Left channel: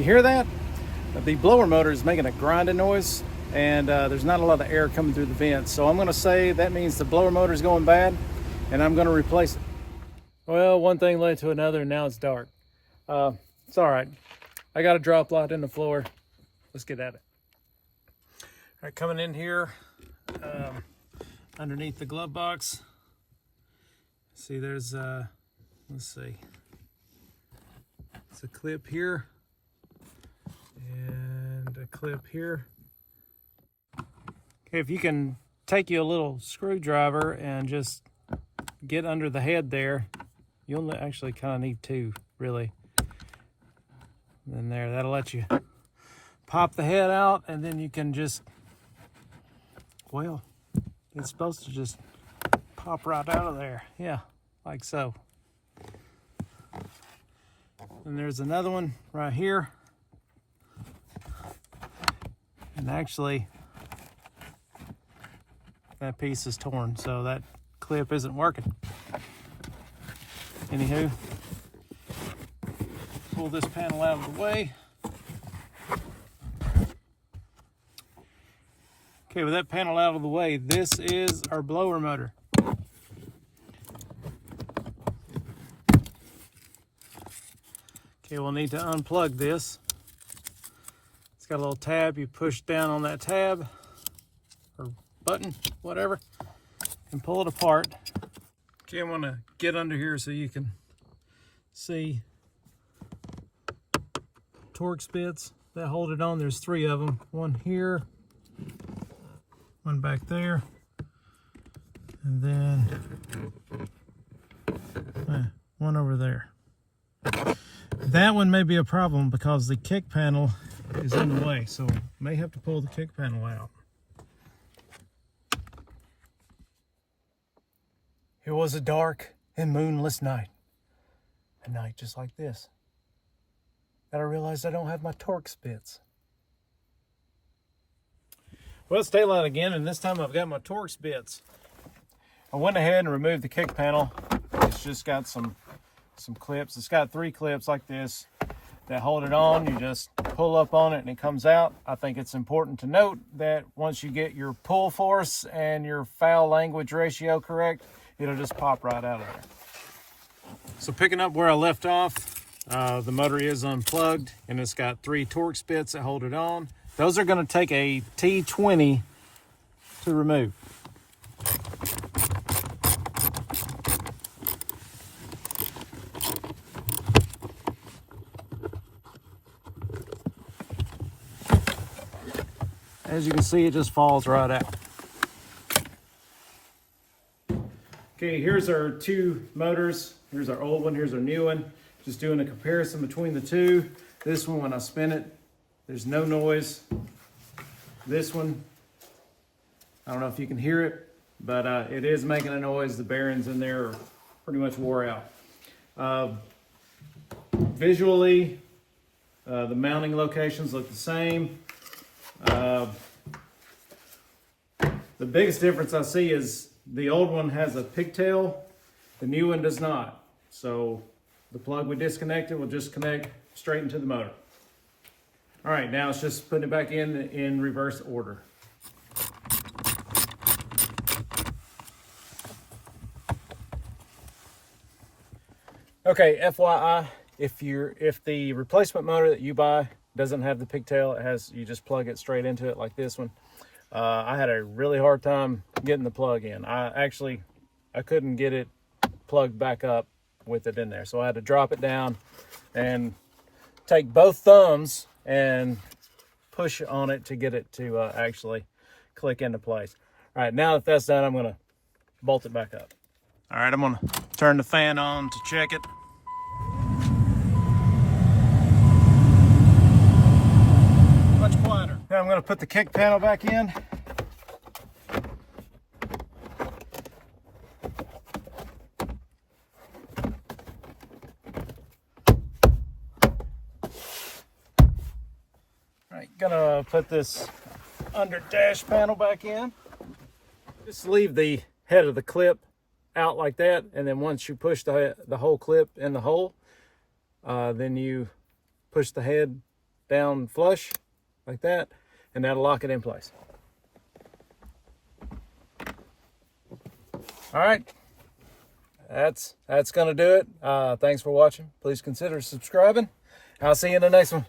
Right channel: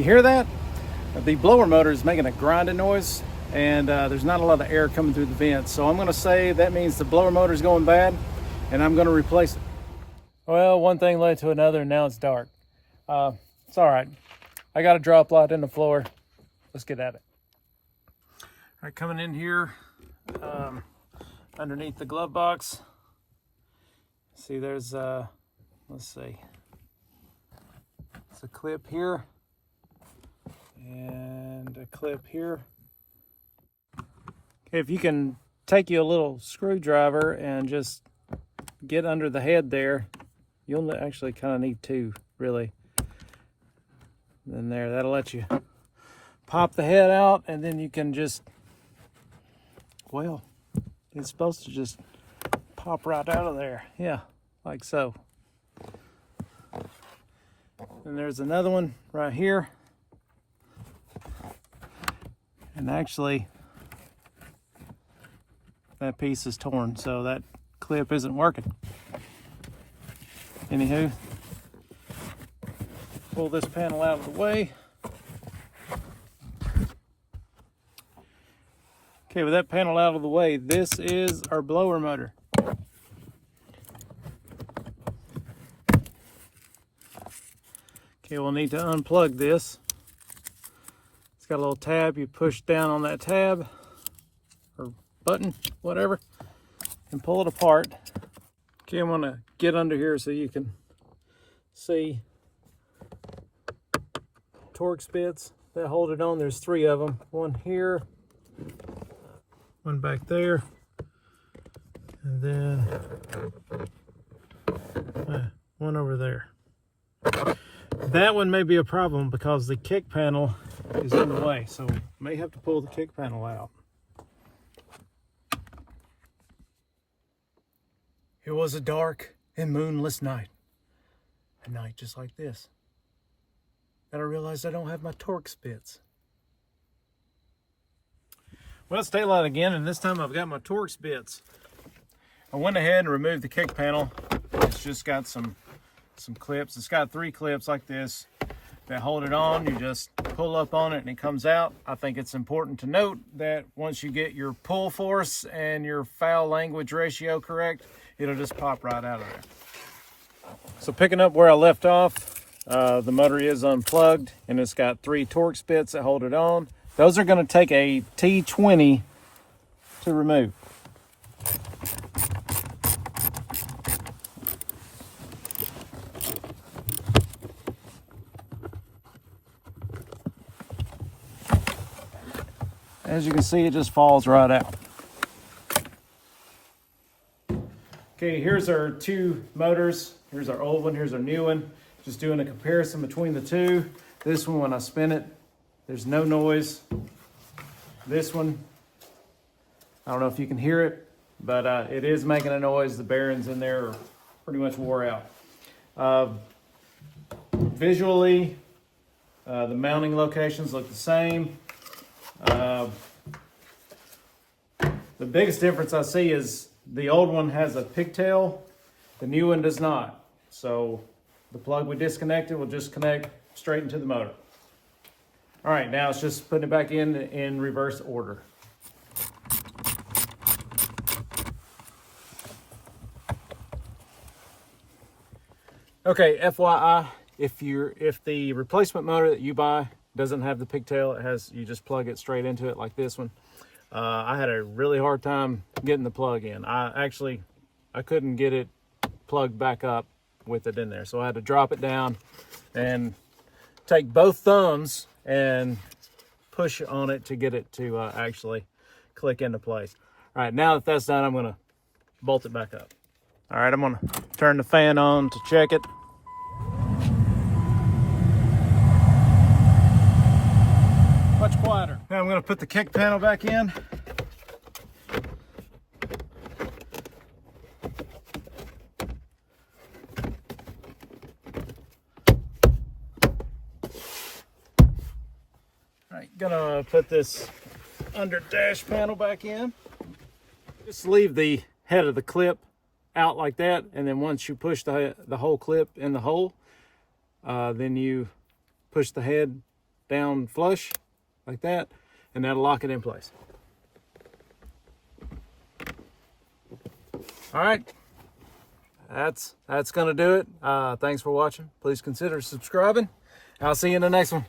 You hear that? The blower motor is making a grinding noise, and there's not a lot of air coming through the vents. So I'm going to say that means the blower motor is going bad, and I'm going to replace it. Well, one thing led to another, and now it's dark. It's all right. I got a drop light in the floor. Let's get at it. All right, coming in here underneath the glove box. See, there's let's see. It's a clip here and a clip here. Okay, if you can take you a little screwdriver and just get under the head there, you'll actually kind of need two, really. And there, that'll let you pop the head out, and then you can just, well, it's supposed to just pop right out of there. Yeah, like so. And there's another one right here. And actually, that piece is torn, so that clip isn't working. Anywho, pull this panel out of the way. Okay, with that panel out of the way, this is our blower motor. Okay, we'll need to unplug this. It's got a little tab. You push down on that tab, or button, whatever, and pull it apart. Okay, I'm gonna get under here so you can see torque spits that hold it on. There's three of them. One here, one back there, and then one over there. That one may be a problem because the kick panel is in the way, so may have to pull the kick panel out. It was a dark and moonless night. A night just like this. And I realized I don't have my torque spits. Well, it's daylight again, and this time I've got my torque spits. I went ahead and removed the kick panel. It's just got some clips. It's got three clips like this that hold it on. You just pull up on it and it comes out. I think it's important to note that once you get your pull force and your foul language ratio correct, it'll just pop right out of there. So picking up where I left off, the motor is unplugged and it's got three torque spits that hold it on. Those are going to take a T20 to remove. As you can see, it just falls right out. Okay, here's our two motors. Here's our old one, here's our new one. Just doing a comparison between the two. This one, when I spin it, there's no noise. This one, I don't know if you can hear it, but it is making a noise. The bearings in there are pretty much wore out. Visually, the mounting locations look the same. The biggest difference I see is the old one has a pigtail, the new one does not. So the plug we disconnected will just connect straight into the motor. All right, now it's just putting it back in reverse order. Okay, FYI, if the replacement motor that you buy doesn't have the pigtail, you just plug it straight into it like this one. I had a really hard time getting the plug in. I couldn't get it plugged back up with it in there. So I had to drop it down and take both thumbs and push on it to get it to actually click into place. All right, now that that's done, I'm gonna bolt it back up. All right, I'm gonna turn the fan on to check it. Much quieter. Now I'm gonna put the kick panel back in. Gonna put this under dash panel back in. Just leave the head of the clip out like that, and then once you push the whole clip in the hole, then you push the head down flush like that, and that'll lock it in place. All right, that's gonna do it. Thanks for watching. Please consider subscribing. I'll see you in the next one.